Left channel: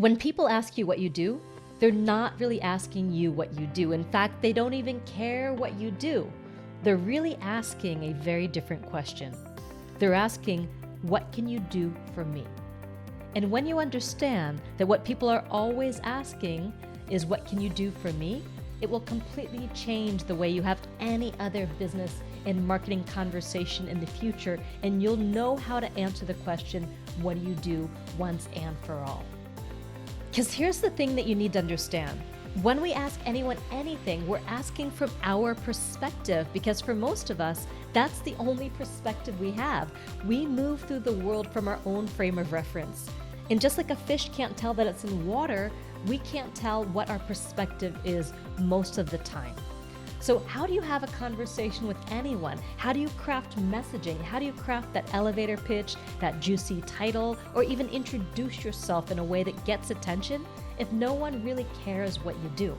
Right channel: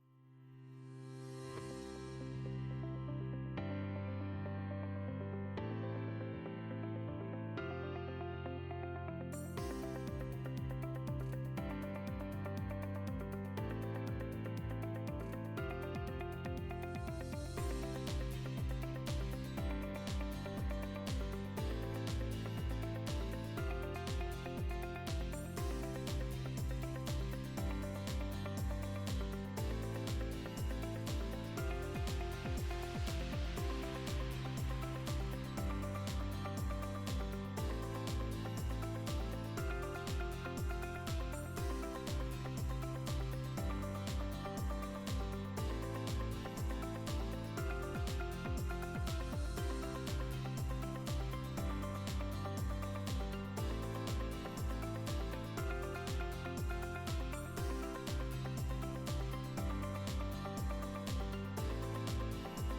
When people ask you what you do, they're not really asking you what you do. In fact, they don't even care what you do. They're really asking a very different question. They're asking, what can you do for me? And when you understand that what people are always asking is, what can you do for me? It will completely change the way you have any other business and marketing conversation in the future, and you'll know how to answer the question, what do you do, once and for all. Because here's the thing that you need to understand. When we ask anyone anything, we're asking from our perspective, because for most of us, that's the only perspective we have. We move through the world from our own frame of reference. And just like a fish can't tell that it's in water, we can't tell what our perspective is most of the time. So how do you have a conversation with anyone? How do you craft messaging? How do you craft that elevator pitch, that juicy title, or even introduce yourself in a way that gets attention if no one really cares what you do?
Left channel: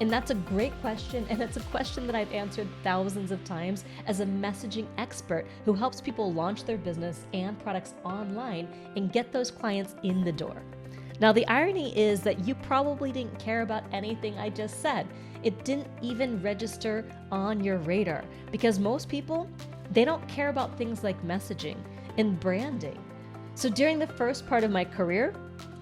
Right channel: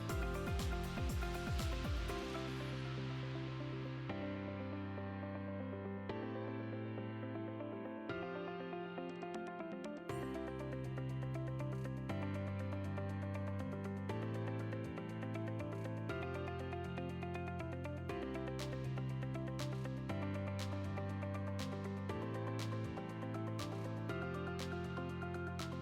And that's a great question, and it's a question that I've answered thousands of times as a messaging expert who helps people launch their business and products online and get those clients in the door. Now, the irony is that you probably didn't care about anything I just said. It didn't even register on your radar, because most people, they don't care about things like messaging and branding. So during the first part of my career,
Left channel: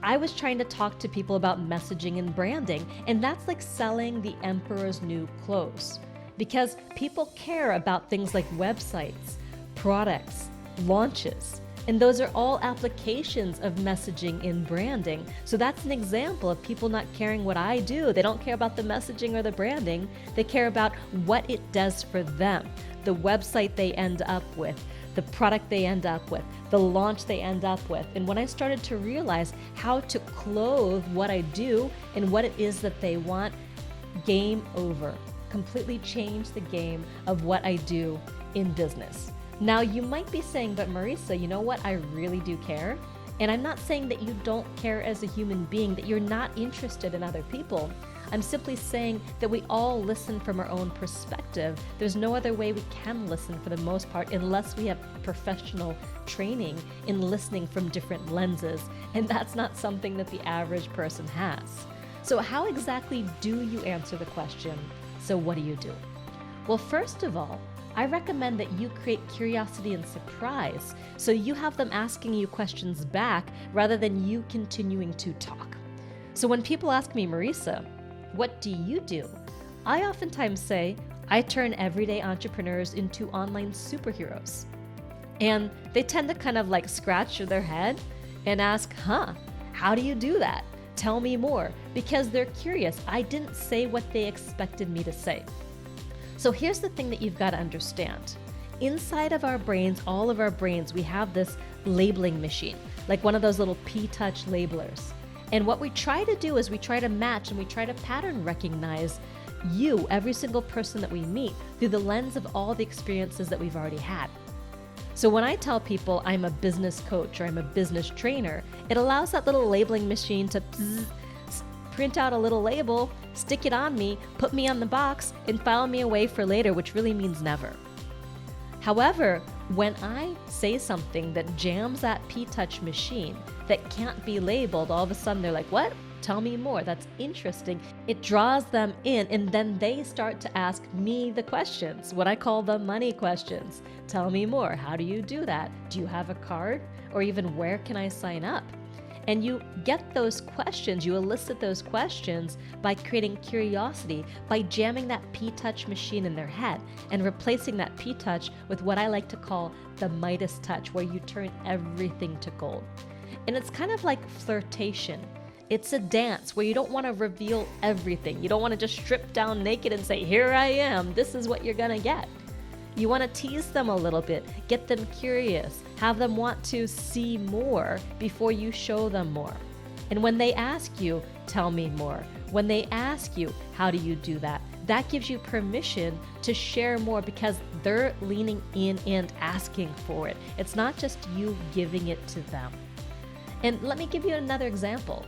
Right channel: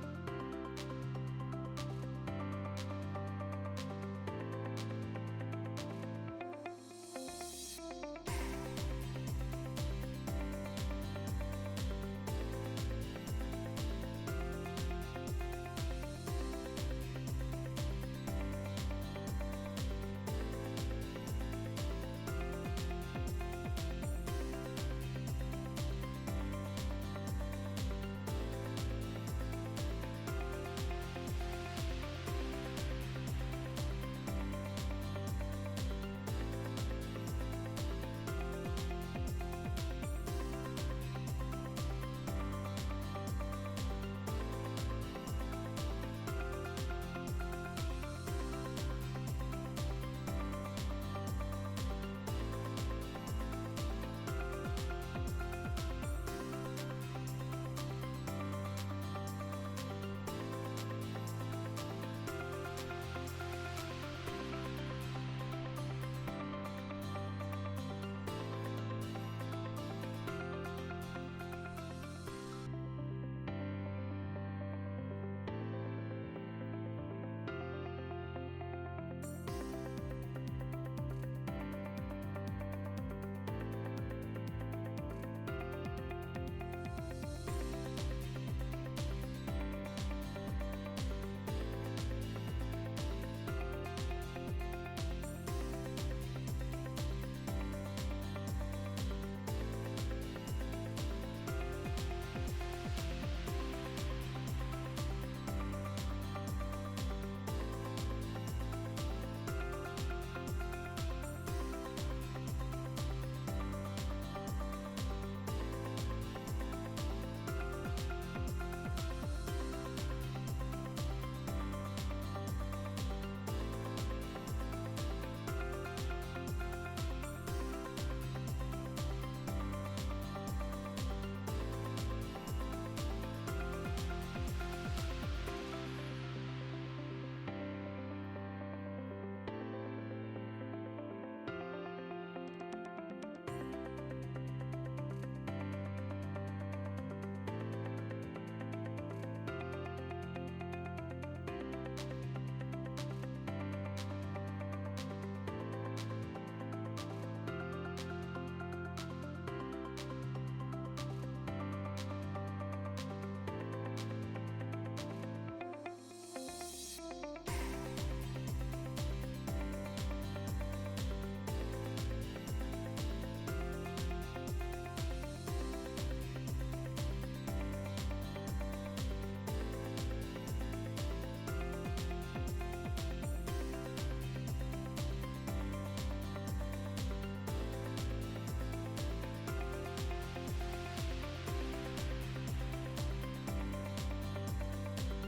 I was trying to talk to people about messaging and branding, and that's like selling the emperor's new clothes, because people care about things like websites, products, launches, and those are all applications of messaging and branding. So that's an example of people not caring what I do. They don't care about the messaging or the branding. They care about what it does for them, the website they end up with, the product they end up with, the launch they end up with. And when I started to realize how to clothe what I do and what it is that they want, game over. Completely changed the game of what I do in business. Now, you might be saying, but Marisa, you know what? I really do care. And I'm not saying that you don't care as a human being, that you're not interested in other people. I'm simply saying that we all listen from our own perspective. There's no other way we can listen for the most part unless we have professional training in listening from different lenses. And that's not something that the average person has. So how exactly do you answer the question, so what do you do? Well, first of all, I recommend that you create curiosity and surprise, so you have them asking you questions back rather than you continuing to talk. So when people ask me, Marisa, what do you do? I oftentimes say, I turn everyday entrepreneurs into online superheroes. And they tend to kind of like scratch their head and ask, how do you do that? Tell me more, because they're curious. I didn't say what they expected me to say. So here's the thing that you've got to understand. Inside of our brains, all of our brains, we have this labeling machine, like one of those little P-Touch labelers. And what we try to do is we try to match and we try to pattern recognize you, every single person that we meet, through the lens of all the experiences that we've already had. So when I tell people I'm a business coach or I'm a business trainer, it allows that little labeling machine to print out a little label, stick it on me, put me on the box, and file me away for later, which really means never. However, when I say something that jams that P-Touch machine that can't be labeled, all of a sudden they're like, what? Tell me more. That's interesting. It draws them in, and then they start to ask me the questions, what I call the money questions. Tell me more. How do you do that? Do you have a card? Or even where can I sign up? And you get those questions, you elicit those questions by creating curiosity, by jamming that P-Touch machine in their head and replacing that P-Touch with what I like to call the Midas touch, where you turn everything to gold. And it's kind of like flirtation. It's a dance where you don't want to reveal everything. You don't want to just strip down naked and say, here I am, this is what you're gonna get. You want to tease them a little bit, get them curious, have them want to see more before you show them more. And when they ask you, tell me more. When they ask you, how do you do that? That gives you permission to share more, because they're leaning in and asking for it. It's not just you giving it to them. And let me give you another example.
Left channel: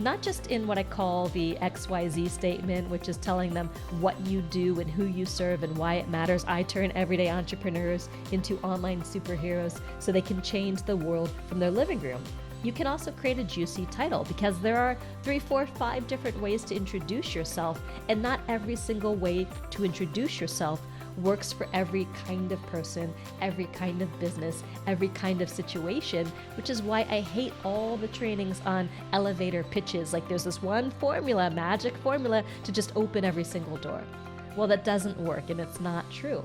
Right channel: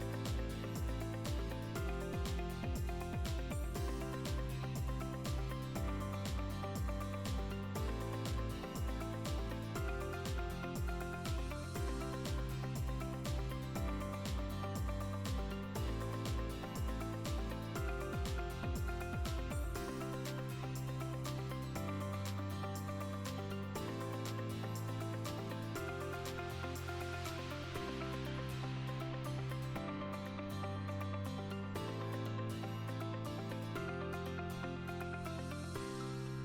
Not just in what I call the XYZ statement, which is telling them what you do and who you serve and why it matters. I turn everyday entrepreneurs into online superheroes so they can change the world from their living room. You can also create a juicy title because there are 3, 4, 5 different ways to introduce yourself, and not every single way to introduce yourself works for every kind of person, every kind of business, every kind of situation, which is why I hate all the trainings on elevator pitches. Like there's this one formula, magic formula to just open every single door. Well, that doesn't work, and it's not true.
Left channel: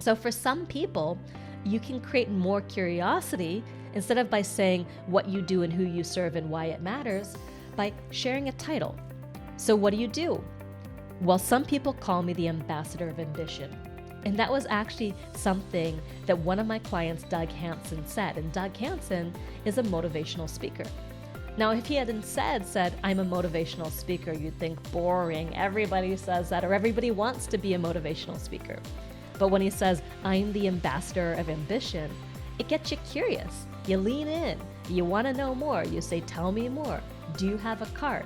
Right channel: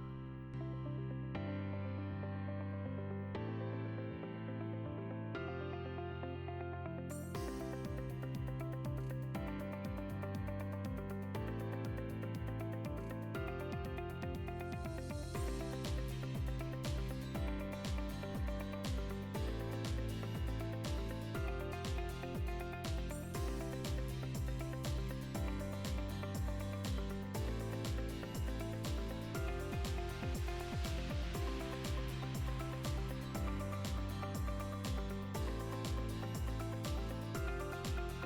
So for some people, you can create more curiosity instead of by saying what you do and who you serve and why it matters, by sharing a title. So what do? Well, some people call me the ambassador of ambition. And that was actually something that one of my clients, Doug Hansen, said. And Doug Hansen is a motivational speaker. Now, if he hadn't said, I'm a motivational speaker, you'd think boring. Everybody says that, or everybody wants to be a motivational speaker. But when he says, I'm the ambassador of ambition, it gets you curious. You lean in. You want to know more. You say, tell me more. Do you have a card?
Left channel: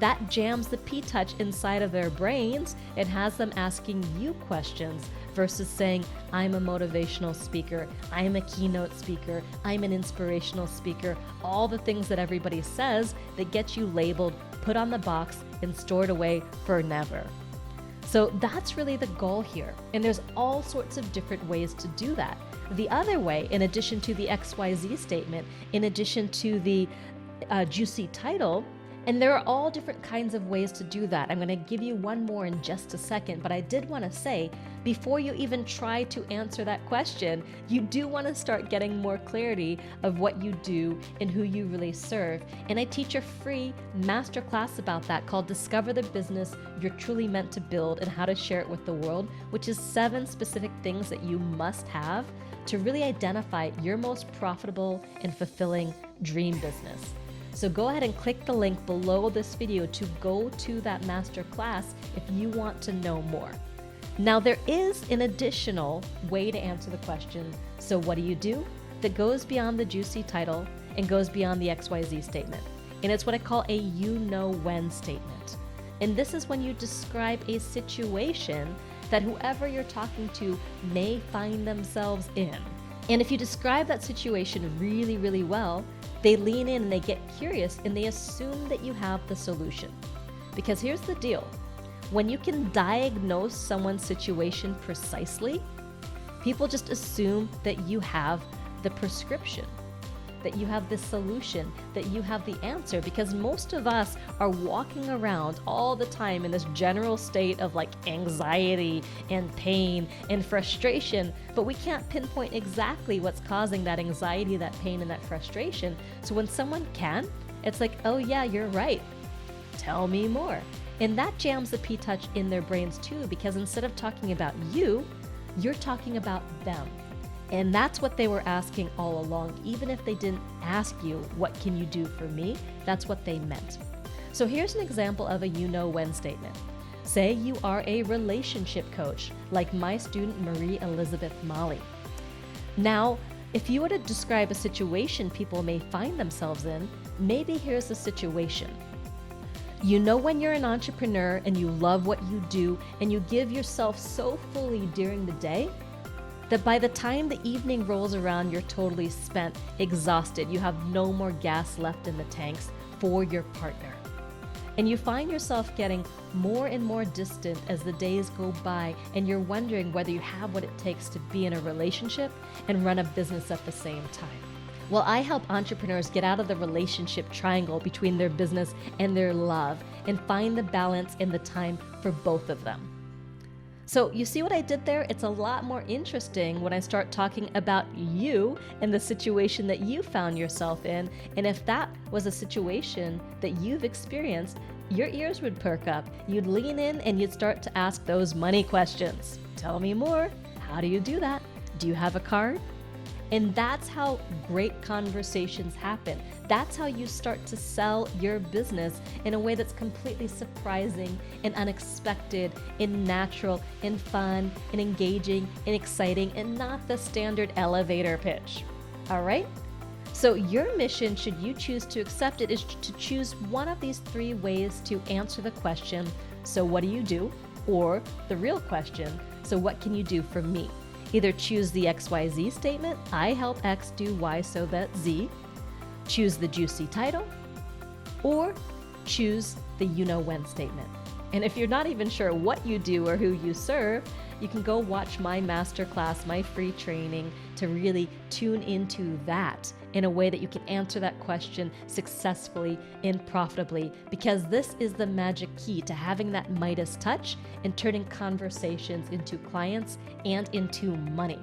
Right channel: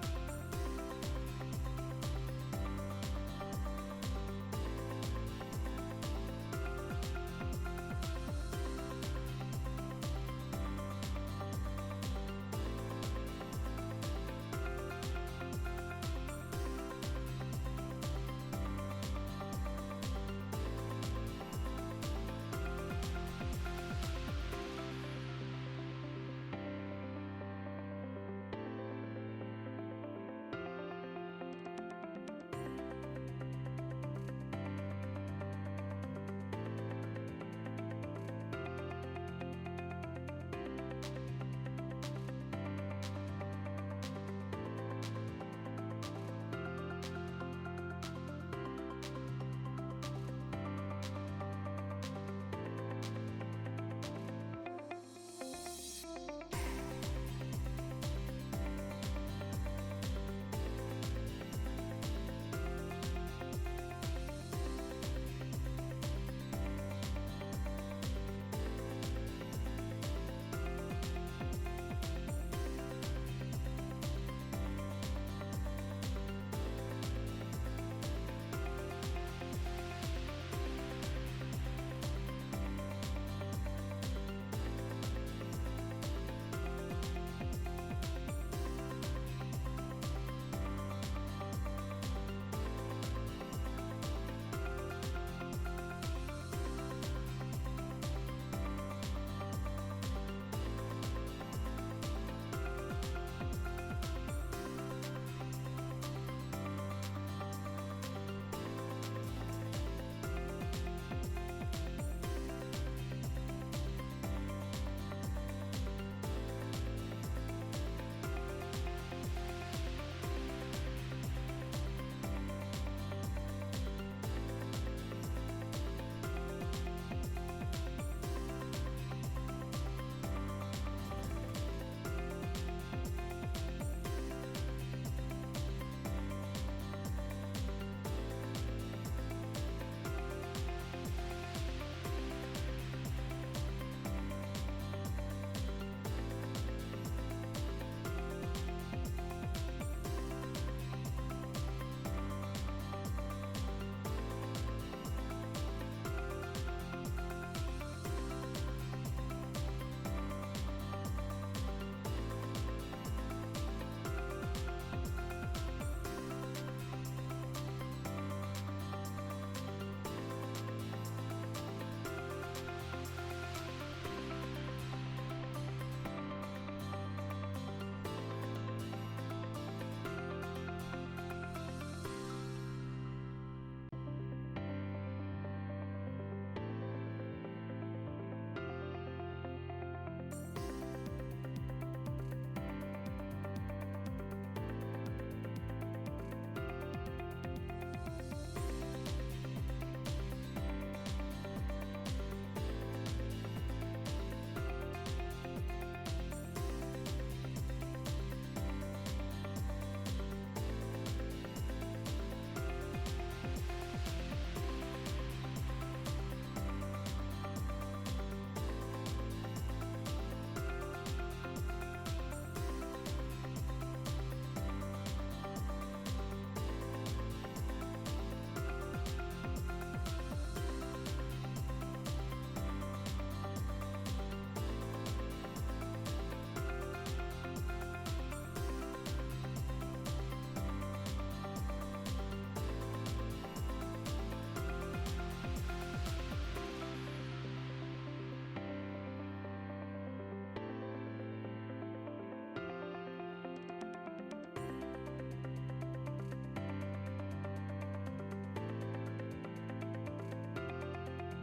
That jams the P-touch inside of their brains. It has them asking you questions versus saying, I'm a motivational speaker, I'm a keynote speaker, I'm an inspirational speaker, all the things that everybody says that get you labeled, put on the box, and stored away for never. So that's really the goal here. And there's all sorts of different ways to do that. The other way, in addition to the XYZ statement, in addition to the juicy title, and there are all different kinds of ways to do that. I'm going to give you one more in just a second, but I did want to say, before you even try to answer that question, you do want to start getting more clarity of what you do and who you really serve. And I teach a free masterclass about that called Discover the Business You're Truly Meant to Build and How to Share It with the World, which is 7 specific things that you must have to really identify your most profitable and fulfilling dream business. So go ahead and click the link below this video to go to that masterclass if you want to know more. Now, there is an additional way to answer the question, so what do? That goes beyond the juicy title and goes beyond the XYZ statement. And it's what I call a you-know-when statement. And this is when you describe a situation that whoever you're talking to may find themselves in. And if you describe that situation really, really well, they lean in and they get curious and they assume that you have the solution. Because here's the deal. When you can diagnose someone's situation precisely, people just assume that you have the prescription, that you have the solution, that you have the answer, because most of us are walking around all the time in this general state of like anxiety and pain and frustration, but we can't pinpoint exactly what's causing that anxiety, that pain, and that frustration. So when someone can, it's like, oh yeah, you're right. Tell me more. And that jams the P-touch in their brains too, because instead of talking about you, you're talking about them. And that's what they were asking all along. Even if they didn't ask you, what can you do for me? That's what they meant. So here's an example of a you-know-when statement. Say you are a relationship coach, like my student Marie Elizabeth Molly. Now, if you were to describe a situation people may find themselves in, maybe here's the situation. You know when you're an entrepreneur and you love what you do and you give yourself so fully during the day, that by the time the evening rolls around, you're totally spent, exhausted. You have no more gas left in the tanks for your partner. And you find yourself getting more and more distant as the days go by, and you're wondering whether you have what it takes to be in a relationship and run a business at the same time. Well, I help entrepreneurs get out of the relationship triangle between their business and their love and find the balance and the time for both of them. So you see what I did there? It's a lot more interesting when I start talking about you and the situation that you found yourself in. And if that was a situation that you've experienced, your ears would perk up. You'd lean in and you'd start to ask those money questions. Tell me more. How do you do that? Do you have a card? And that's how great conversations happen. That's how you start to sell your business in a way that's completely surprising and unexpected and natural and fun and engaging and exciting and not the standard elevator pitch. All right? So your mission, should you choose to accept it, is to choose one of these 3 ways to answer the question, so what do? Or the real question, so what can you do for me? Either choose the XYZ statement, I help X do Y so that Z. choose the juicy title, or choose the you-know-when statement. And if you're not even sure what you do or who you serve, you can go watch my masterclass, my free training, to really tune into that in a way that you can answer that question successfully and profitably, because this is the magic key to having that Midas touch and turning conversations into clients and into money.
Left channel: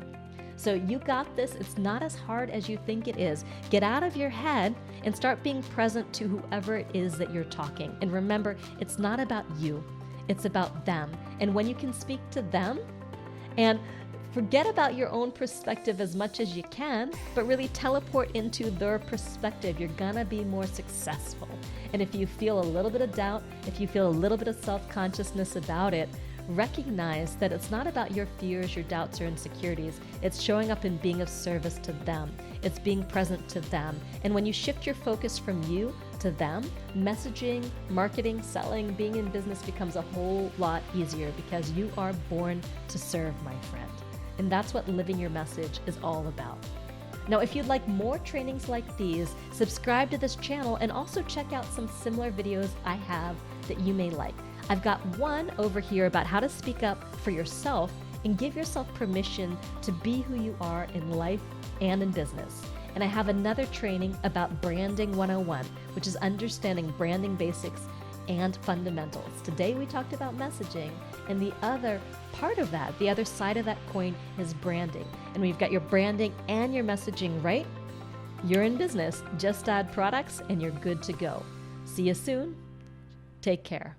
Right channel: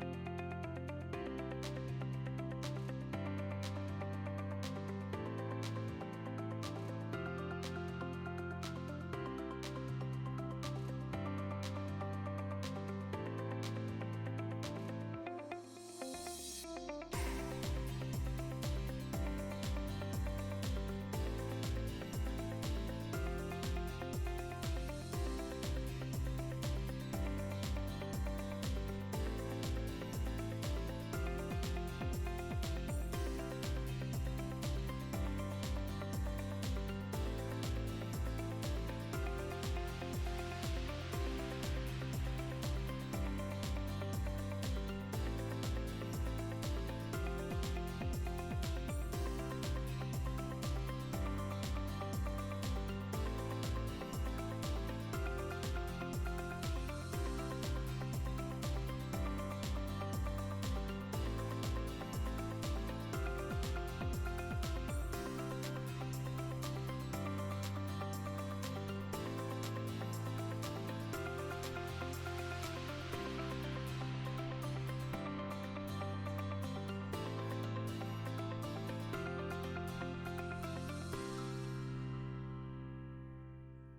So you got this. It's not as hard as you think it is. Get out of your head and start being present to whoever it is that you're talking. And remember, it's not about you, it's about them. And when you can speak to them and forget about your own perspective as much as you can, but really teleport into their perspective, you're gonna be more successful. And if you feel a little bit of doubt, if you feel a little bit of self-consciousness about it, recognize that it's not about your fears, your doubts, or insecurities. It's showing up and being of service to them. It's being present to them. And when you shift your focus from you to them, messaging, marketing, selling, being in business becomes a whole lot easier, because you are born to serve, my friend. And that's what living your message is all about. Now, if you'd like more trainings like these, subscribe to this channel and also check out some similar videos I have that you may like. I've got one over here about how to speak up for yourself and give yourself permission to be who you are in life and in business. And I have another training about Branding 101, which is understanding branding basics and fundamentals. Today we talked about messaging, and the other part of that, the other side of that coin, is branding. And when you've got your branding and your messaging right, you're in business. Just add products and you're good to go. See you soon. Take care.